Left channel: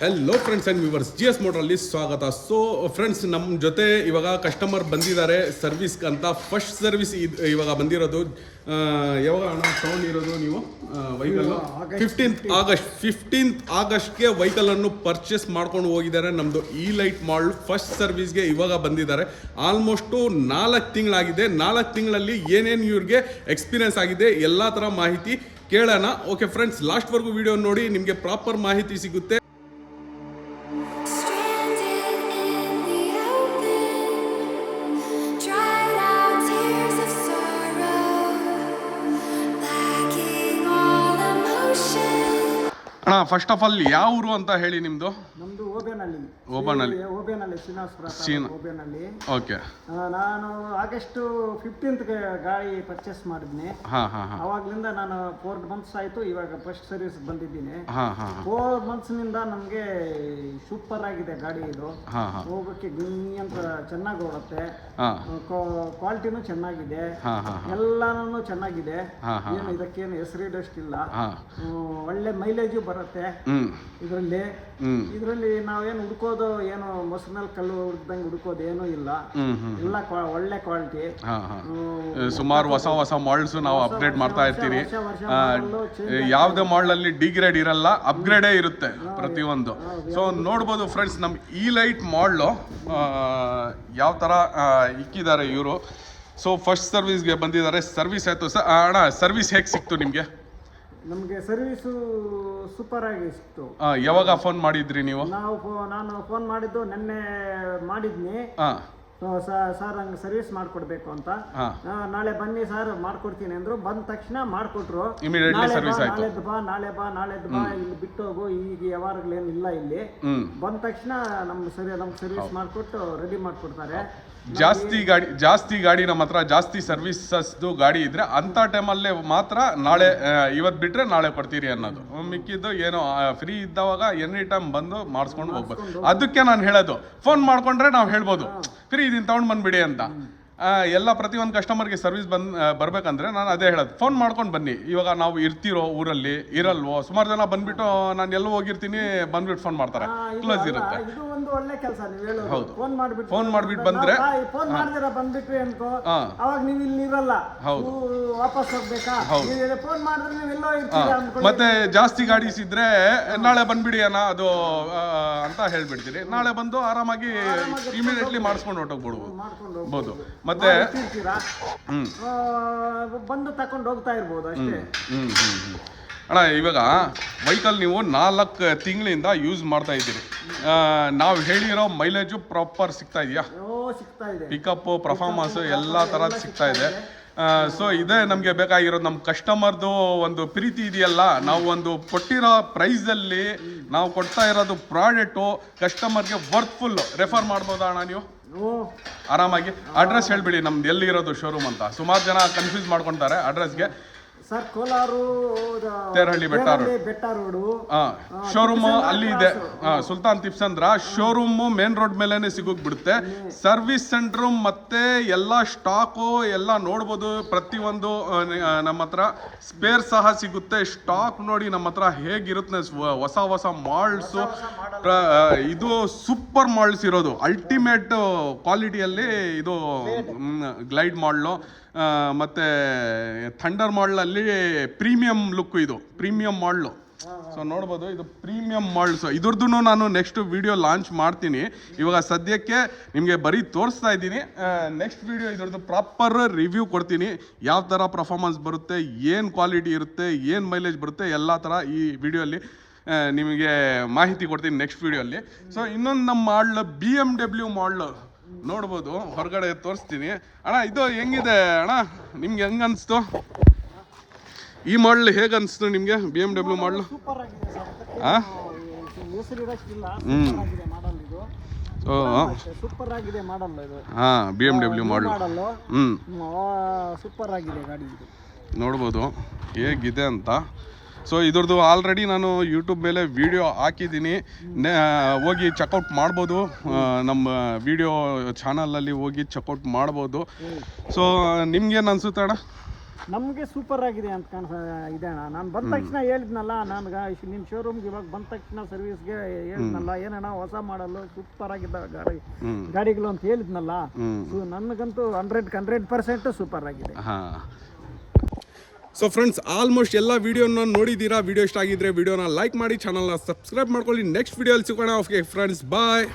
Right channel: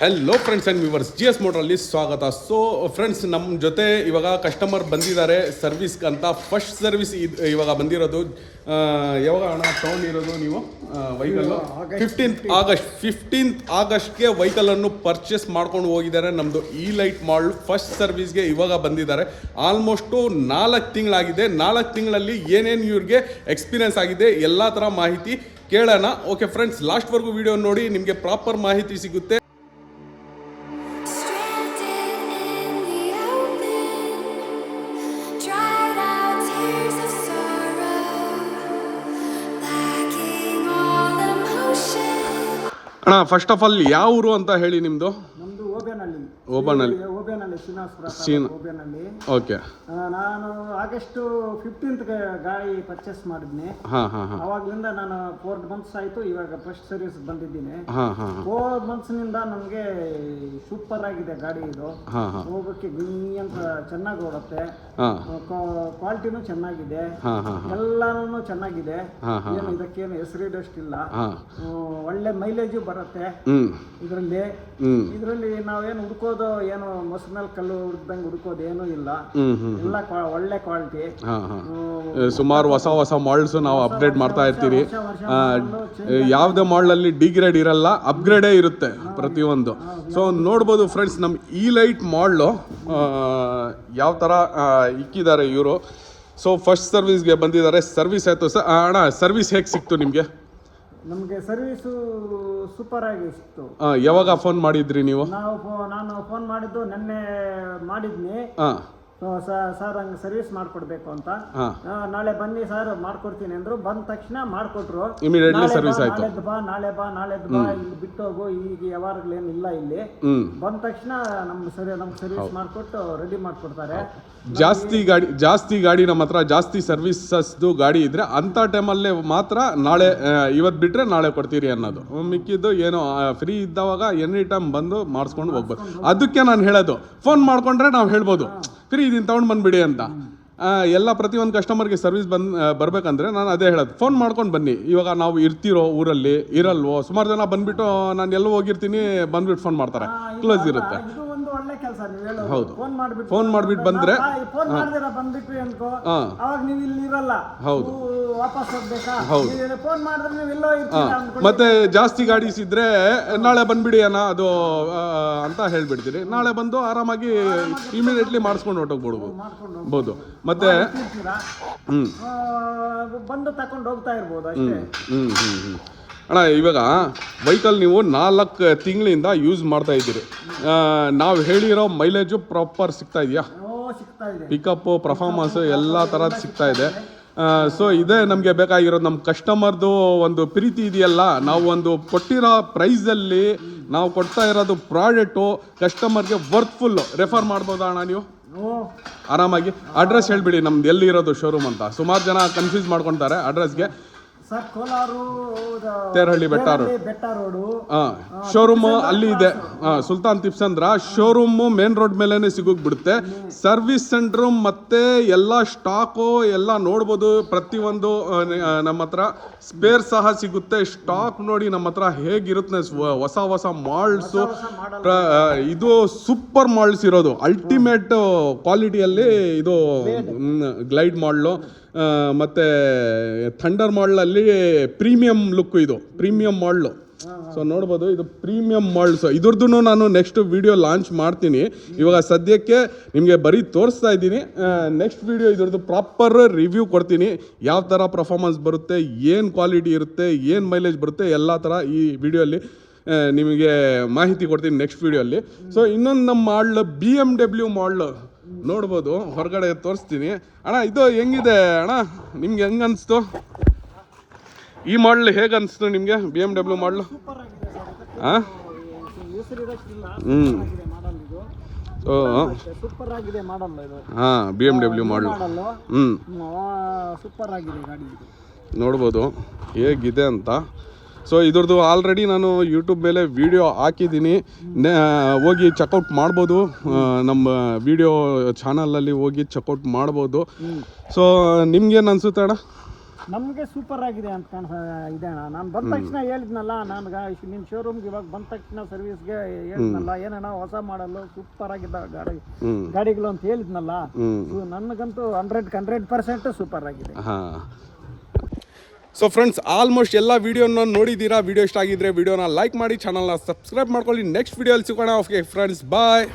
Hello friends and viewers GS ಮೋಟ್ರಲ್ಲಿ ಸ್ವಾಗತ. So friends, ನಮ್ಮ ಜೊತೆ ಇವಾಗ ಕಸ್ಟಮರ್ ಬಂದಿದ್ದಾರೆ ಸರ್ವಿಸ್ ಅಂತ. ಫಸ್ಟ್ ಸರ್ವಿಸ್ ಇವಾಗ ಬಂದಿರೋದು. ಯಾವಾಗ ಹಣ ತೊಗೊಂಡಿರೋದು ನೀವು ವೆಹಿಕಲ್ಲು? 15th ಆಗಸ್ಟ್ಗೆ ವೆಹಿಕಲನ್ನು ಪರ್ಚೇಸ್ ಮಾಡ್ಕೊಂಡು ಹೋಗಿದ್ದಾರೆ. ನಮ್ಮದು ಲೈಟ್ ಮಾಡಲ್ ಫಸ್ಟ್ ಸರ್ವಿಸ್ಗೆ ಇವಾಗ ಬಂದಿದ್ದಾರೆ. ಆಲ್ಮೋಸ್ಟು 4 ತಿಂಗಳಾಗಿದೆ. 4 ತಿಂಗಳಲ್ಲಿ ಏನೇನು ಇವ್ರಿಗೆ ಎಕ್ಸ್ಪೀರಿಯನ್ಸ್ ಆಗಿದೆ ಎಲ್ಲ ಥರ ಮಾಹಿತಿ ಕೇಳೋಣ. ಓಕೆ ಫ್ರೆಂಡ್ಸ್, ಲಾಸ್ಟ್ವರೆಗೂ ವಿಡಿಯೋ ನೋಡಿ, ನಿಮಗೆ ಪ್ರಾಪರ್ ಮಾಹಿತಿ ಸಿಗುತ್ತೆ. ಅಣ್ಣ, ಫಸ್ಟ್ ಆಫ್ ಆಲ್ ಯಾವ ಊರು ಅಂತ ಹೇಳಿ ನಿಮ್ದು? ನಮ್ದು ಓಬೇನಹಳ್ಳಿ. ಓಬೇನಹಳ್ಳಿ. ಓಕೆ. ನಾನು ಆಗಸ್ಟ್ 15th ಗಾಡಿ ಪರ್ಚೇಸ್ ಮಾಡಿದ್ನಿ. ಅವಾಗ್ಲಿಂದ ನಾನು 4 months ಆಯ್ತು. ಇವಾಗ ಫಸ್ಟ್ ಸರ್ವಿಸ್ ಬಂದಿದ್ದೀನಿ. 4 months ನಿಂದ ನಮ್ಗೆ ಸೂಪರ್ ಆಗಿದೆ ಗಾಡಿ. ಇದು ಹೋಗಕ್ಕೆ ಗಿಮ್ಮಿ ಅಂತ ಚೆನ್ನಾಗಿ ಓಡುತ್ತೆ. ಕ್ವಾಲಿಟಿನೂ ಚೆನ್ನಾಗಿದೆ, ಎಲ್ಲಾನು ಚೆನ್ನಾಗಿದೆ. ಏನು ಇದಕ್ಕೇನು ಹೆಸರಿಡಷ್ಟಿಲ್ಲ. ಒಳ್ಳೆ ಮೈಲೇಜು ಬರುತ್ತೆ ಇದರಲ್ಲಿ ನಾವೇನು ಹುಡ್ಕೋದು ಏನು ಮೊಸರು ಮೇಲೆ ಕಲ್ಲು ಹುಡುಕ್ದಂಗೆ ಹುಡ್ಕೋದು ಏನೂ ಇಲ್ಲ. ಎಲ್ಲ ಒಳ್ಳೆ ಕ್ವಾಲಿಟಿ. ಸುಮಾರು ಹೊಸ ಮಾಡಲ್ಸ್ ನಾವು ಅಪ್ಡೇಟ್ ಮಾಡ್ತಾ ಇರ್ತೀವಿ. ಯಾವುದೇ ಮಾಡಲ್ ಅಲ್ಲಿ ಡಿಗ್ರೇಡ್ ಇರಲ್ಲ, ಅಪ್ಗ್ರೇಡೇ ಇರುತ್ತೆ ಪ್ರತಿಯೊಂದು. ಸೊ ನೋಡ್ಬೋದು ಫ್ರೆಂಡ್ಸ್, ನಮ್ಮ ಲೈಟ್ ಮಾಡಲು ಯಾವ ಥರ ಇಕ್ಕಿದ್ದಾರೆ ಇವರು. ಸೊ ಫಸ್ಟ್ ಸರ್ವಿಸ್ಗೆ ಬಂದಿದ್ದಾರೆ. ಸರ್ವಿಸ್ ಆಯಿತು ಸರ್. ಅಣ್ಣ, ಸರ್ವಿಸ್ ಹೇಗೆ ಸಿಕ್ತು ನಿಮಗೆ? ನಮಗೆ ಸರ್ವಿಸು ಸೂಪರ್ ಆಗಿ ಸಿಕ್ತು. ಯಾವಾಗ ಫೋನ್ ಮಾಡಿದ್ರಿ ನೀವು? ನಾನು ಫೋನ್ ಮಾಡಿದ್ದು ನಿನ್ನೆ ಮಾಡಿದ್ನಿ. ಸರ್ ಹಂಗೆ ಸರ್ವಿಸ್ ಮಾಡ್ಕೊಡ್ಬೇಕು ಅಂತ. ನಾಳೆ ಬನ್ನಿ ಸರ್ ಮಾಡ್ಕೊಡ್ತೀನಿ ಅಂದ್ರು. ಬಂದ ತಕ್ಷಣ ಮಾಡ್ಕೊಟ್ರು. ನಾಳೆ ಬಾ ಇಲ್ಲಿ ಬಿಟ್ಟು ಹೋಗು, ಈಗ ಯಾವಾಗಲೇನು ಇಲ್ಲ ಇಲ್ಲಿ. ಬಂದ ತಕ್ಷಣ ನಮ್ಗೆ ಸರ್ವಿಸ್ ಮಾಡ್ಕೊಟ್ಟು ರೆಡಿ ಮಾಡ್ಕೊಡ್ತಾರೆ. ಜಾಸ್ತಿ ಗಾಡಿ ನಮ್ಮ ಹತ್ರ ಜಾಸ್ತಿ ಸರ್ವಿಸಸ್ದು ಗಾಡಿ ಇದ್ರೆ ಅಂತ ಟೈಮಲ್ಲೇ ಮಾತ್ರ ನಾಳೆ, ಇವತ್ತು ಬಿಟ್ರೆ ನಾಳೆ ಕೊಡ್ತೀರಿ ಅನ್ನೋದು. ಮಿಕ್ಕಿದ್ದು ಏನೋ ಫ್ರೀ ಇದ್ದವಾಗ ಎನಿ ಟೈಮ್ ಬಂದು ಮಾಡಿಸ್ಕೊಂಡು ಹೋಗ್ಬೋದು. ಅದಕ್ಕೆ ನಾನು ಹೇಳೋದು, ಫೋನ್ ಮಾಡ್ಕೊಂಡ್ರೆ ನಾವು ಹೇಳ್ಬೋದು ಫ್ರೀ ಇದೀನಿ ತಗೊಂಡು ಬಂದ್ಬಿಡಿ ಅಂತ. ಎಲ್ಲ ಪ್ರತಿಯೊಂದು ಕಸ್ಟಮರ್ಗೆ ಸರ್ವಿಸ್ ಬರ್ಬೇಕಂದ್ರೆ ನಾನು ಅದೇ ಹೇಳೋದು, ಫೋನ್ ಮಾಡ್ಕೊಂಡು ಬನ್ನಿ. ಇವಾಗ ನಾವು ಇರ್ತಿರೋ ಊರಲ್ಲಿ ಇರಲ್ವೋ, ಸುಮಾರು ಜನ ಬಂದ್ಬಿಟ್ಟು ನಾನು ಎಲ್ಲೋ ಹೋಗಿರ್ತೀನಿ ಬಂದ್ಬಿಟ್ಟು ಫೋನ್ ಮಾಡ್ತಾರೆ, ಕ್ಲೋಸ್ ಇರುತ್ತೆ. ಒಳ್ಳೆ ಕೆಲಸ ನೀವು ಹೇಳೋದು. ಹೌದು, ಫೋನ್ ಮಾಡ್ಬಿಟ್ಟು ಬಂದ್ರೆ ಫೋನ್ ಮಾಡಿದಿರಾ ಬಂದ್ಬಿಟ್ವಿ ಅನ್ಕೋ, ಅವಾಗ ನೀವು ಇಲ್ಲಿ ಇರಲ್ಲ. ಹೌದು, ವಾಪಸ್ ಹೋಗ್ಬೇಕಾ? ಫೋನ್ ಮಾಡಿದ್ರೆ ನೀವು ಎಲ್ಲೋ ಇರ್ತೀರಾ. ಮತ್ತೆ ಜಾಸ್ತಿ ಗಾಡೀಸ್ ಇದ್ರೆ ನಾಳೆ ಬಂದ್ಬಿಡಿ ಅಣ್ಣ ಅದು ಅಂತ ಹೇಳ್ಬಿಡ್ತೀರಿ. ನಾಳೆ ಬಂದು ಆರಾಮಾಗಿ ಇಮಿಡಿಯೇಟ್ಲಿ ಮಾಡಿಸ್ಕೊಂಡು ಹೊರಟೋಗ್ಬಿಡ್ಬೋದು. ಮತ್ತೆ ಬಂದು ತಕೊಂಡು ಹೋಗ್ತಾ ಇರ್ಬೋದು ಅಷ್ಟೇ. ಅಣ್ಣ, ಇವಾಗ ವೆಹಿಕಲ್ ನೀವು 4 ತಿಂಗಳಿಂದ ಯೂಸ್ ಮಾಡ್ತಾ ಇದ್ದೀರಿ. ನಾವು ಹೇಳಿರೋ ಮೈಲೇಜು ಪ್ರಾಪರ್ ಸಿಗ್ತಾ ಇದೆಯಾ? ಪಿಕಪ್ಪು, ಪರ್ಫಾರ್ಮೆನ್ಸ್ ಎಲ್ಲ ಥರದ್ದು ಸಿಗ್ತಾ ಇದೆ. ಸೊ ಇದೇ ನಮಗೆ ಬೇಕಾಗಿರೋದು. ನಮ್ಮ ಕಸ್ಟಮರ್ದು ಒಂದು ಪ್ರೀತಿ ಇದೆಯಲ್ಲ, ನಾವು ಒಂದು ಕೊಟ್ಟಿರೋ ಪ್ರೈಸಲ್ಲಿ ನಾವು ಕೊಡ್ತಾ ಇರೋದು ಪ್ರಾಡಕ್ಟು ಕಸ್ಟಮರ್ಗೆ ವರ್ತ್ಫುಲ್ಲು. ರೆಫರ್ ಮಾಡ್ಬೋದಾ ಅಣ್ಣ ನೀವು ಆರಾಮಾಗಿ? ಅಡ್ರೆಸ್ ಹೇಳ್ಬಿಡಿ ನಮ್ದು ಎಲ್ಲಿರೋದು ಶೋರೂಮ್ ಅಂತ. ಸುಮಾರು ಜನ ಕನ್ಫ್ಯೂಸ್ ಮಾಡ್ಕೊತಾರೆ ಅಡ್ರೆಸ್ಗೆ. ಸರ್, ಕೋಲಾರು ತೇರಹಳ್ಳಿ ಬೆಟ್ಟ ರೋಡು ಶೋರೂಮ್ ಅಲ್ಲಿ ಇದೆ. ಸುಲ್ತಾನ್ ಟಿಪ್ಸ್ ಅಂದ್ರ ಶೋರೂಮ್ ಮೇನ್ ರೋಡ್ ಮೇಲೆನೆ ಸಿಗೋಗ್ಬಿಡುತ್ತೆ. ಸರ್ವಿಸ್ ಸೆಂಟರ್ ಮತ್ತೆ ಎಲ್ಲ ಸ್ಟಾಕು ಎಲ್ಲ ನೋಡ್ಬೋದು. ಪ್ರತಿಯೊಂದು ನಮ್ಮ ಹತ್ರ ಸ್ಪೇರ್ ಸಹ ಸಿಗುತ್ತೆ. ಸ್ಟಾಕ್ ನೋಡಿ ನಮ್ಮ ಹತ್ರ ಹೇಗಿರುತ್ತೆ. ಹೊಸ ಮಾಲ್ಸು, ಇದು ಸೂಪರ್ ಮಾಲ್ಸ್ ಇರೋದು. ಅಲ್ಟಿಮೇಟ್ ಕ್ವಾಲಿಟಿಯಲ್ಲಿ ಇದು ಗ್ಲೈಡ್ ಮಾಡಲು. ಮತ್ತು ಥಂಡರ್ ಮಾಡಲಲ್ಲಿ ಪ್ರೀಮಿಯಂ ಲುಕ್, ಇದು ಪ್ರೀಮಿಯಂ ಮಾಡಲು. ಸೊ ನೋಡ್ಬೋದು, ಇದು ಪ್ರೀಮಿಯಂ ಮಾಡಲ್ಸ್. ಇದ್ರದ್ದು ನಾನು ನೆಕ್ಸ್ಟ್ ವಿಡಿಯೋ ಲಾಂಚ್ ಮಾಡ್ತೀನಿ. ಇವಾಗ ಸದ್ಯಕ್ಕೆ ನಿಮಗೆ ಬರೀ ತೋರಿಸ್ತಾ ಇದ್ದೀನಿ. ನೆಕ್ಸ್ಟ್ ವಿಡಿಯೋ ಇದ್ರದ್ದು ಪ್ರಾಪರ್ ರಿವ್ಯೂ ಕೊಡ್ತೀನಿ. ಯಾವ ಥರ ಪರ್ಫಾರ್ಮೆನ್ಸ್ ಬರುತ್ತೆ, ಏನು ಕ್ವಾಲಿಟಿ ಇರುತ್ತೆ, ಏನು ಮೈಲೇಜ್ ಬರುತ್ತೆ, ಎಲ್ಲ ಥರ ಈ ವಿಡಿಯೋಲ್ಲಿ ನಿಮಗೆ ಮಾಹಿತಿ ಕೊಡ್ತೀನಿ ನೆಕ್ಸ್ಟ್ ವಿಡಿಯೋಲ್ಲಿ. ಸೊ ಇನ್ನೊಂದು ನಮ್ಮ ಮಾಡಲ್ BMW ಮಾಡಲ್ ನೋಡ್ಬೋದು, ಹೊರಗಡೆ ತೋರಿಸ್ತೀನಿ. ಅಣ್ಣ, ಇದು ಹೆಂಗಿದೆ ಅಣ್ಣ? ನಿಮ್ಗೆ ಹೆಂಗೆ ಅನಿಸ್ತು ಈ ಮಾಡಲ್? ಹೇಗೆ ಅನಿಸ್ತು ನಿಮಗೆ BMW ಮಾಡಲು? ಹಾಂ, ಸೂಪರ್ ಆಗಿದೆ ಮಾಡಲ್ ಇದು. BMW ಮಾಡಲು ಸೂಪರ್ ಆಗಿದೆ ಗಾಡಿ. ನೋಡ್ಬೋದು ಹೇಗಿದೆ ಅಂತ. ಸೊ ಇದ್ರದ್ದು ಆಲ್ರೆಡಿ ನಾನು ಯೂಟ್ಯೂಬ್ ಮೇಲೆ ವಿಡಿಯೋ ಹಾಕಿದ್ದೀನಿ, ಹೋಗಿ ಚೆಕ್ಔಟ್ ಮಾಡ್ಬೋದು. ನಮ್ಮ ವಿಡಿಯೋ ಚಾನಲಲ್ಲಿ ಹೋಗಿ ಚೆಕ್ಔಟ್ ಮಾಡ್ಬೋದು. ಸೊ ನಿಮ್ಗೇನು ಅನಿಸುತ್ತೆ ಅಣ್ಣ? ನಮಗೆ ಸೂಪರ್ ಆಗಿದೆ ಅಂತ ಇದೆ ಅಣ್ಣ. ನಾನು ಬಂದ ತಕ್ಷಣ ಹೇಳಿದ್ನಲ್ಲ, ನನಗೆ ನಿನ್ನ ಶೋರೂಮ್ಗೆ ಇವಾಗ ಬಂದ ತಕ್ಷಣ ಸರ್ವಿಸ್ಗೆ ಹೇಳಿದ್ನಲ್ಲ, ಏನಣ್ಣ ಹೊಸ ಮಾಡಲು ಸೂಪರ್ ಆಗಿದ್ದಾವೆ ಗಾಡಿಗಳು ಅಂತ ಹೇಳಿದ್ನಲ್ಲ. ನನಗಂತೂ 100% ಸೂಪರ್ ಆಗಿದೆ. ಸೊ ಫ್ರೆಂಡ್ಸ್, ಆಲ್ಮೋಸ್ಟ್ ಎಲ್ಲ ವಿಡಿಯೋನ ನೋಡಿದ್ದೀರಾ. ವಿಡಿಯೋ ಇಷ್ಟ ಆಗಿದ್ರೆ ವಿಡಿಯೋನ ಲೈಕ್ ಮಾಡಿ, ಚಾನಲ್ನ ಸಬ್ಸ್ಕ್ರೈಬ್ ಮಾಡ್ಕೊಳ್ಳಿ. ನೆಕ್ಸ್ಟ್ ವಿಡಿಯೋಲಿ ಸಿಗೋಣ. ಓಕೆ ಫ್ರೆಂಡ್ಸ್, ಬಾಯ್.